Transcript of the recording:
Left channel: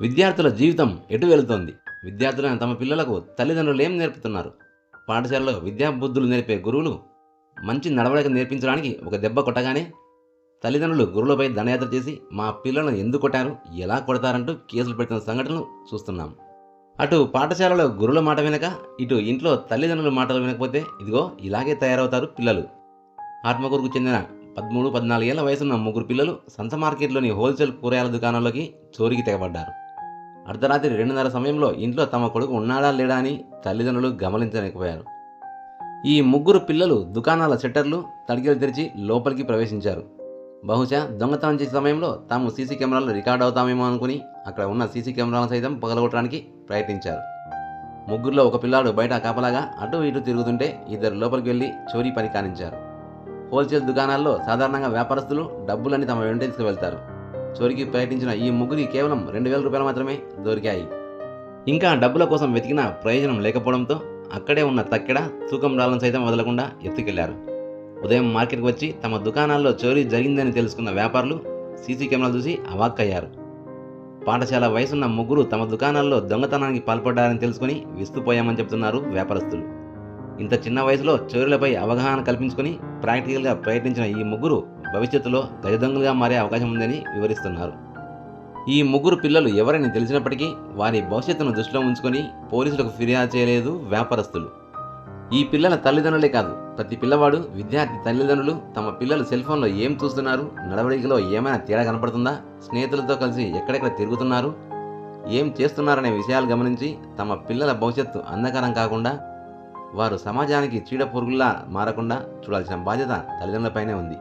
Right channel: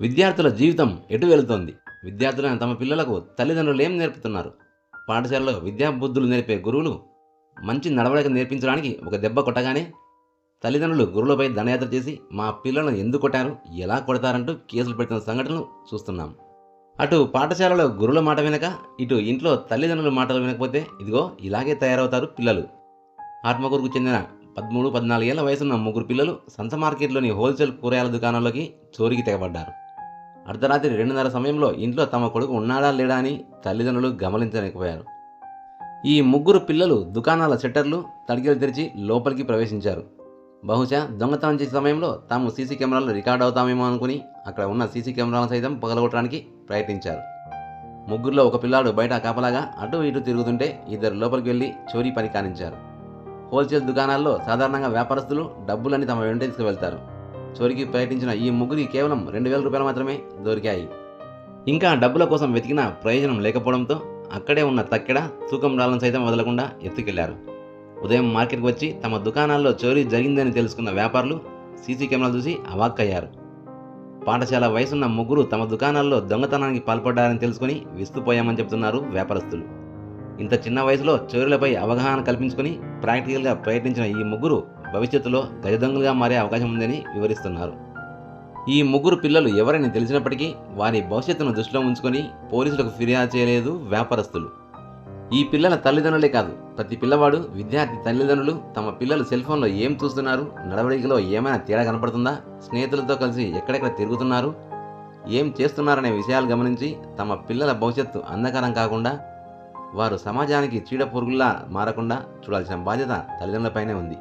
విద్యార్థుల జీవితం ఎటు వెళుతోంది? విద్యార్థులైన తమ పిల్లలకు తల్లిదండ్రులు ఏం నేర్పుతున్నారు? పాఠశాలలో విద్యాబుద్ధులు నేర్పే గురువులు మంచి నడవడిక నేర్పించడానికి ఒక దెబ్బ కొట్టగానే తల్లిదండ్రులు గురువులపై దండయాత్ర చేసి మా పిల్లలను ఎందుకు కొట్టారు, ఎలా కొడతారంటూ కేసులు పెడుతున్న సంఘటనలు చూస్తున్నాం. అటు పాఠశాలలో గురువుల మాట వినక, ఇటు ఇంట్లో తల్లిదండ్రుల మాటలు వినకపోతే ఇదిగో ఇలాగే తయారవుతారు పిల్లలు. ఆత్మకూరుకు చెందిన 13, 14 ఏళ్ల వయసున్న ముగ్గురు పిల్లలు సంత మార్కెట్లోని హోల్సేల్ కూరగాయల దుకాణంలోకి చోరీకి తెగబడ్డారు. అర్ధరాత్రి 2:30 సమయంలో ఇంట్లో తమ కొడుకు ఉన్నాడా లేడా అని తల్లిదండ్రులు గమనించలేకపోయారు. ఈ ముగ్గురు పిల్లలు దుకాణాల షట్టర్లు, తడికలు తెరిచి లోపలికి ప్రవేశించారు. బహుశా దొంగతనం చేసే సమయంలో తాము సీసీ కెమెరాలు రికార్డ్ అవుతామేమో అనుకుని అక్కడ ఉన్న సీసీ కెమెరాలను సైతం పగలగొట్టడానికి ప్రయత్నించారు. ముగ్గురులో ఒక పిల్లాడు బయట కాపలాగా అటు ఇటు తిరుగుతుంటే ఇద్దరు లోపలికి వెళ్లి చోరీ పని కానించారు. హోల్సేల్ దుకాణాల్లో సాధారణంగా వ్యాపారస్తులు డబ్బులని తమ వెంట తీసుకువెళ్తారు. చోరీకి ప్రయత్నించిన ఈ ముగ్గురికి కేవలం 2,000 రూపాయలు మాత్రమే దొరికాయి. ఇంకా డబ్బుల కోసం వెతికినా ప్రయోజనం లేకపోవడంతో అక్కడే ఉన్న తక్కెడ, తూకం రాళ్ళను సైతం వదలకుండా ఎత్తుకెళ్లారు. ఉదయం మార్కెట్కి వచ్చి తమ దుకాణాల్లో చోరీ జరిగిందని తెలుసుకున్న వ్యాపారులు సీసీ కెమెరాలు చూసి అవాక్కయ్యారు. పాఠశాల వయసున్న ముగ్గురు తమ దుకాణాల్లో దొంగతనానికి పాల్పడ్డారని తెలుసుకుని విస్తుపోయామని చెబుతున్నారు వ్యాపారస్తులు. ఇంత చిన్న వయసులో చోరీలపై అవగాహన కల్పించుకుని ప్రాక్టికల్గా ప్రయత్నించిన ఈ ముగ్గురు భవిష్యత్తులో గజదొంగలుగా మారే అవకాశం ఉందని వివరిస్తున్నారు. ఈ ముగ్గురు పిల్లలు ఎవరని తెలిసినప్పటికీ వారి భవిష్యత్తును దృష్టిలో ఉంచుకొని పోలీసులకు ఫిర్యాదు చేయలేదు వ్యాపారస్తులు. ఈ పిల్లల తల్లిదండ్రులే కాదు, ప్రతి పిల్లవాడు, విద్యార్థి తల్లిదండ్రులు తమ పిల్లలు సెల్ ఫోన్లో ఏం చూస్తున్నారు, నడవడికలో ఏమైనా తేడా కనపడుతుందా, స్నేహితులతో కలిసి ఎక్కడెక్కడ తిరుగుతున్నారు, ఏం చేస్తున్నారనే విషయాలు గమనించి తమ పిల్లల భవిష్యత్తు అంధకారం కాకుండా వారు సమాజానికి చీడ పురుగుల్లా మారకుండా చూడాల్సిన బాధ్యత తల్లిదండ్రులపైనే ఉంది.